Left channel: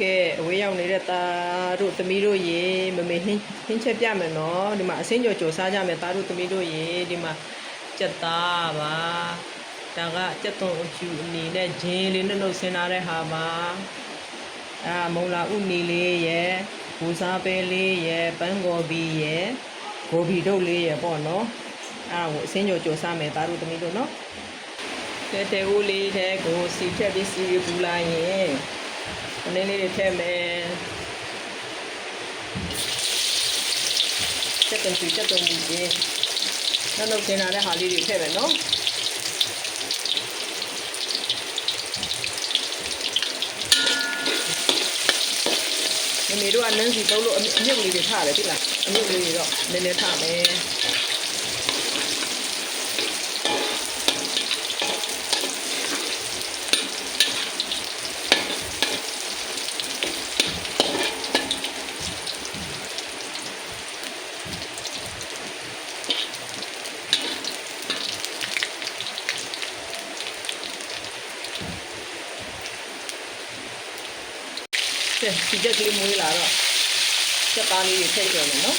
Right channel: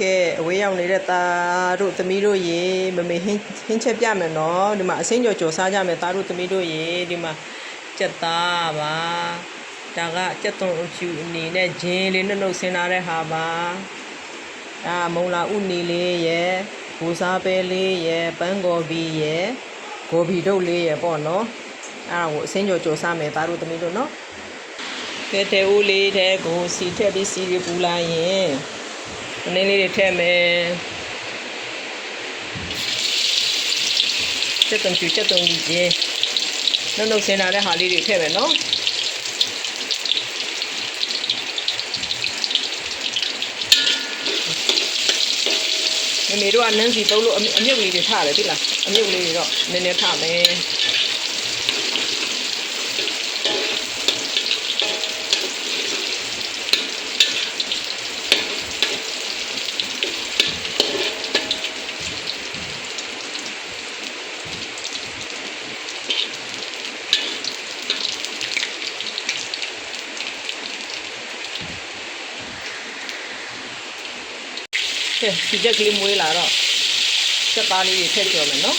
ကဲအဝေးရောက်နေတဲ့သားတို့သမီးတို့ရေမမေဟင်းဟင်းချက်ပြမယ်နော်ဒီမှာအစင်းကြော်ကြော်စားကြမယ်သားတို့သမီးတို့ရေဒီမှာကြက်သားပါဒါကကြက်သွန်အဖြူအနေနဲ့ဂျင်းလေးနှုတ်နှုတ်ဆင်းလာတဲ့ဟာပါအာမုံလာဥနီလေးရယ်ဘူစားပဲလေးရယ်ပန်းကော်ဘီရယ်ဂိုဘီတုတ်လေးရယ်ပေါ့နော်အာကိုအစင်းကြော်ကြော်စားမယ်သားတို့သမီးတို့နော်ကဲတဲဦးလေးတဲ့ကိုစီထက်ပြီးစီပူလာရင်အ နည်းလေးတွေထည့်မယ်ချက်တုံချူချက်တုံကြီးရေနှုတ်နှုတ်ဆင်းလာတဲ့ဟာလေးတွေထည့်မယ်နော်မမေတို့ကနန်းစီတုံးလို့အမြအမြုပ်လေးတွေထားတယ်သိလားအမြုပ်လေးတွေတော့နည်းနည်းထားမယ် ကဲဒီချက်ကလေးမွေးလာတော့ချက်သားလေးတွေထည့်ကျော်မယ်နော်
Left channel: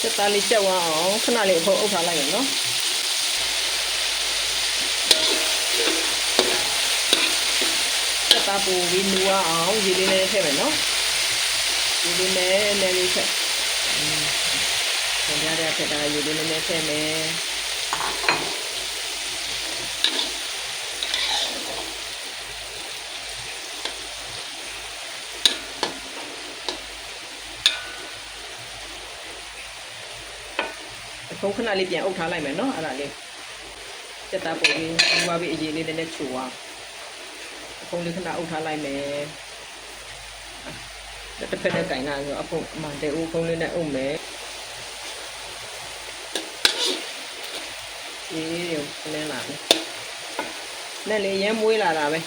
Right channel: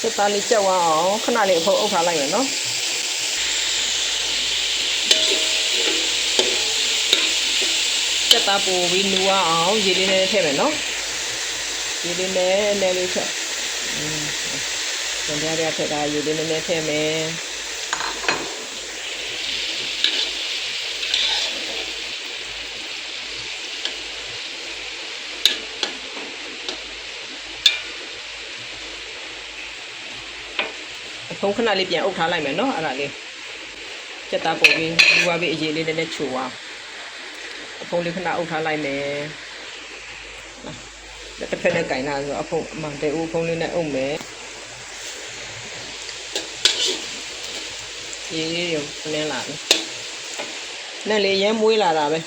ချက်သားလေးချက်ဝမ်းအောင်ခဏလေးအဖုံးအုပ်ထားလိုက်မယ်နော် တက်သားပို့ပြီးနူအောင်ရေလေးနဲ့ထည့်မယ်နော်ရေလေးနဲ့လည်းလေးထည့်อืมဆန်ပြရတဲ့ထက်တာရေလေးနဲ့ထည့်မယ်အဖုံးခဏလေးပြန်အုပ်ထားလိုက်မယ်နော်အဲ့ဒါလေးတက်သားပို့ပြီးနူပါပြီးအရေးလေးနဲ့ချိုအောင်အ ဖုံးလေးခဏအုပ်ထားလိုက်မယ်။တစ်ဖက်နဲ့ကင်လာဆိုအဖုံးအမှန်တဲ့ဦးဖုံးလေးနဲ့အုပ်မယ်။အေးရုံနင်းလာပြီ။နဲ့လေရဲမွေးလာတာပဲ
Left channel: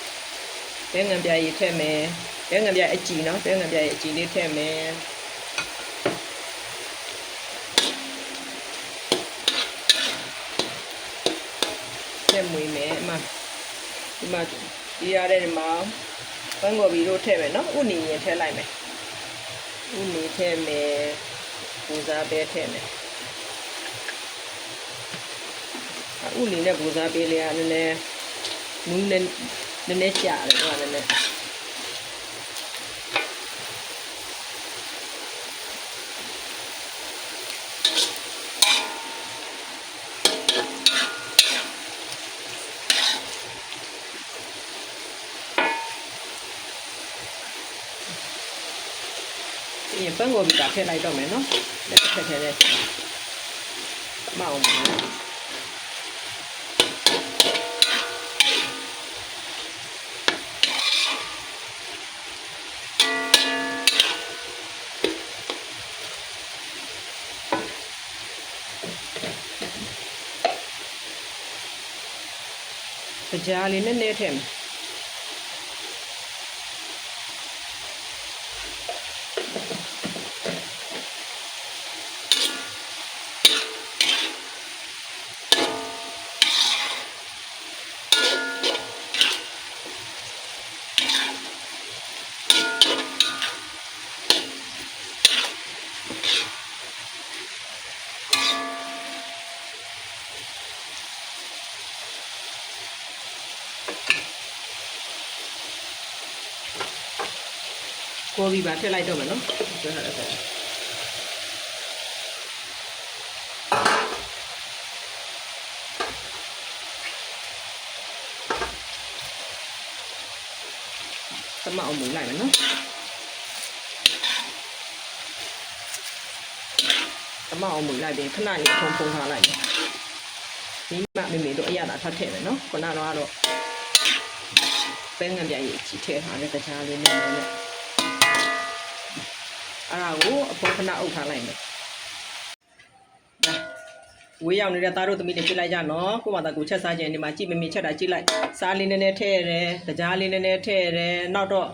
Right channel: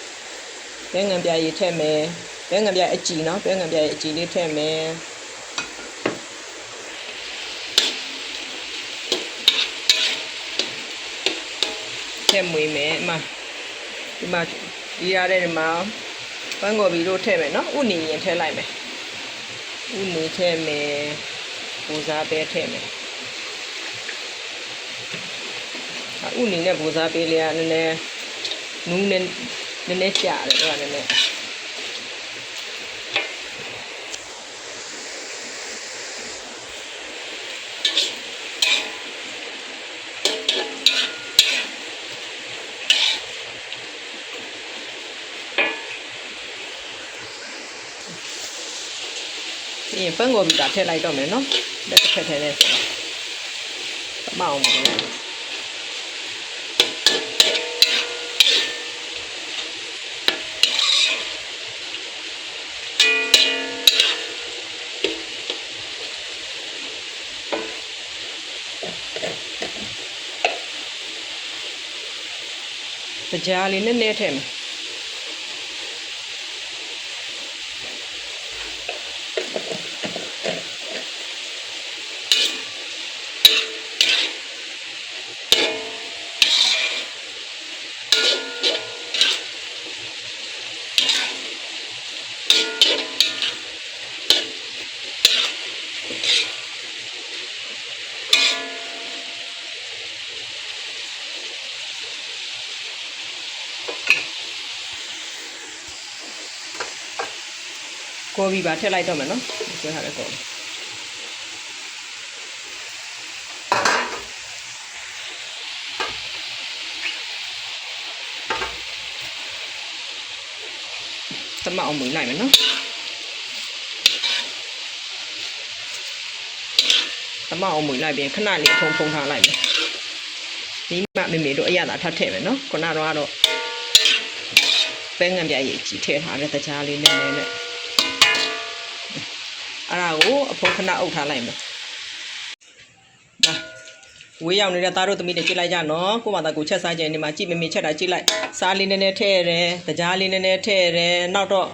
။တဲငံပြားကြီးထည့်မယ်။တဲငံပြားအကြည်နော်။တဲငံပြားရဲ့အကြည်လေးထည့်မယ်။ထည့်မွေးမယ်အမှ ဒီမှာဒီရတဲ့ဒီမှာပန်းကော်ဘီတို့ထည့်မယ်နော်ဥနီရင်ထည့်လိုက်မယ်ဥနီထည့်မယ်ပူစားပဲထည့်မယ်ဥနီနဲ့ပူစားပေးလေးကနည်းနည်းနူးနဲ့နည်းနည်းကြာတယ်တော့နည်းနည်း ပြီးရင်ပန်းကော်ဘီကထည့်လိုက်တော့မယ်နော်လက်တစ်ဖက်ထဲနဲ့မအောင်ဘူးနော်ကြားလေးနည်းနည်းထည့်မယ် ကော်ဘီပါထည့်လိုက်တော့မယ်နော်ဆွဲထားတဲ့ကော်ဘီ သမအောင်မွေးလိုက်မယ်နော်သမအောင်မွေးလိုက်ပြီးခဏလေးဖုံဖုံထားလိုက်မယ်ဒီမှမေမေတို့အရသာထပ်ထည့်မယ်နော်ခုနတော့ကတော့ပဲငံပြရဲ့ကြီးထည့်ထားတဲ့ကြားလေးနဲ့နဲ့အဲ့ဒါကိုအဖုံးခဏအုပ်ထားလိုက်မယ်။ဒါရ ဝေးရောက်နေတဲ့သားတို့သမီးတွေကြည့်လိုက်ကြနော်ကိုမသာကိုချက်စားခြင်းဒီမှာကြည့်မမေချက်တာကြည့်လိုက်စားလေးနည်းနည်းထည့်ရတယ်တကြားလေးနည်းနည်းထည့်ရတယ်နောက်တော့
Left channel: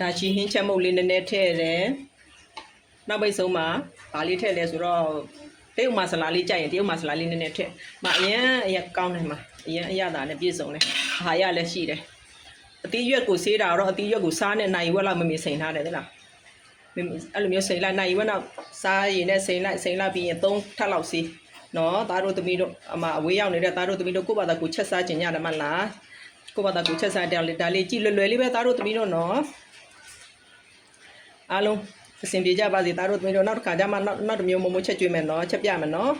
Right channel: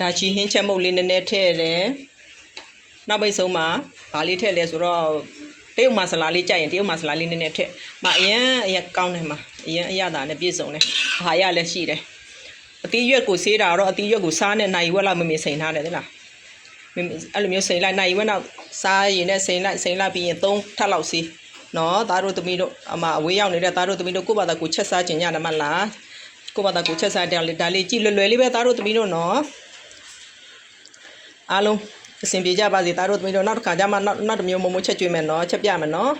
ဒါချီဟင်းချက်မုတ်လေးနည်းနည်းထည့်ရတယ်နောက်ပိတ်ဆုံးမှာဗာလေးထည့်လဲဆိုတော့တရုတ်မဆလာလေးကြိုက်ရင်တရုတ်မဆလာလေးနည်းနည်းထည့်မအရင်အရင်ကောင်းတယ်မှာအရင်အရသာနဲ့ပြည့်စုံတယ်အာဟာရလည်းရှိတယ်အသီးရွက်ကိုဆေးတာတော့အသီးရွက်ကိုစားနဲ့နိုင်ဝက်လောက်မမေစိန်ထားတယ်သလားမင်း အဲ့လိုမျိုးစိန်လိုက်နိုင်ဝက်နောက်စားရင်နဲ့စိန်လိုက်စိန်လိုက်ပြီးရင်၃ထပ်လောက်စီနော်သားတို့သမီးတို့အမအဝေးရောက်နေတဲ့သားတို့သမီးတို့ကိုယ့်ဘာသာကိုချက်စားခြင်းရတယ်မလားကိုယ့်ဘာသာကိုချက်စားတယ်လေဒါလေးကြည့်လွယ်လွယ်လေးပဲသားတို့သမီးတို့နော်အားလုံးအဆင်ပြေကြပါစေသားတို့သမီးတို့နောက်တစ်ခါကျမှနောက်နောက်တစ်မျိုးမမိုးချက်ကျွေးမယ်နော်ချက်ပြမယ်နော်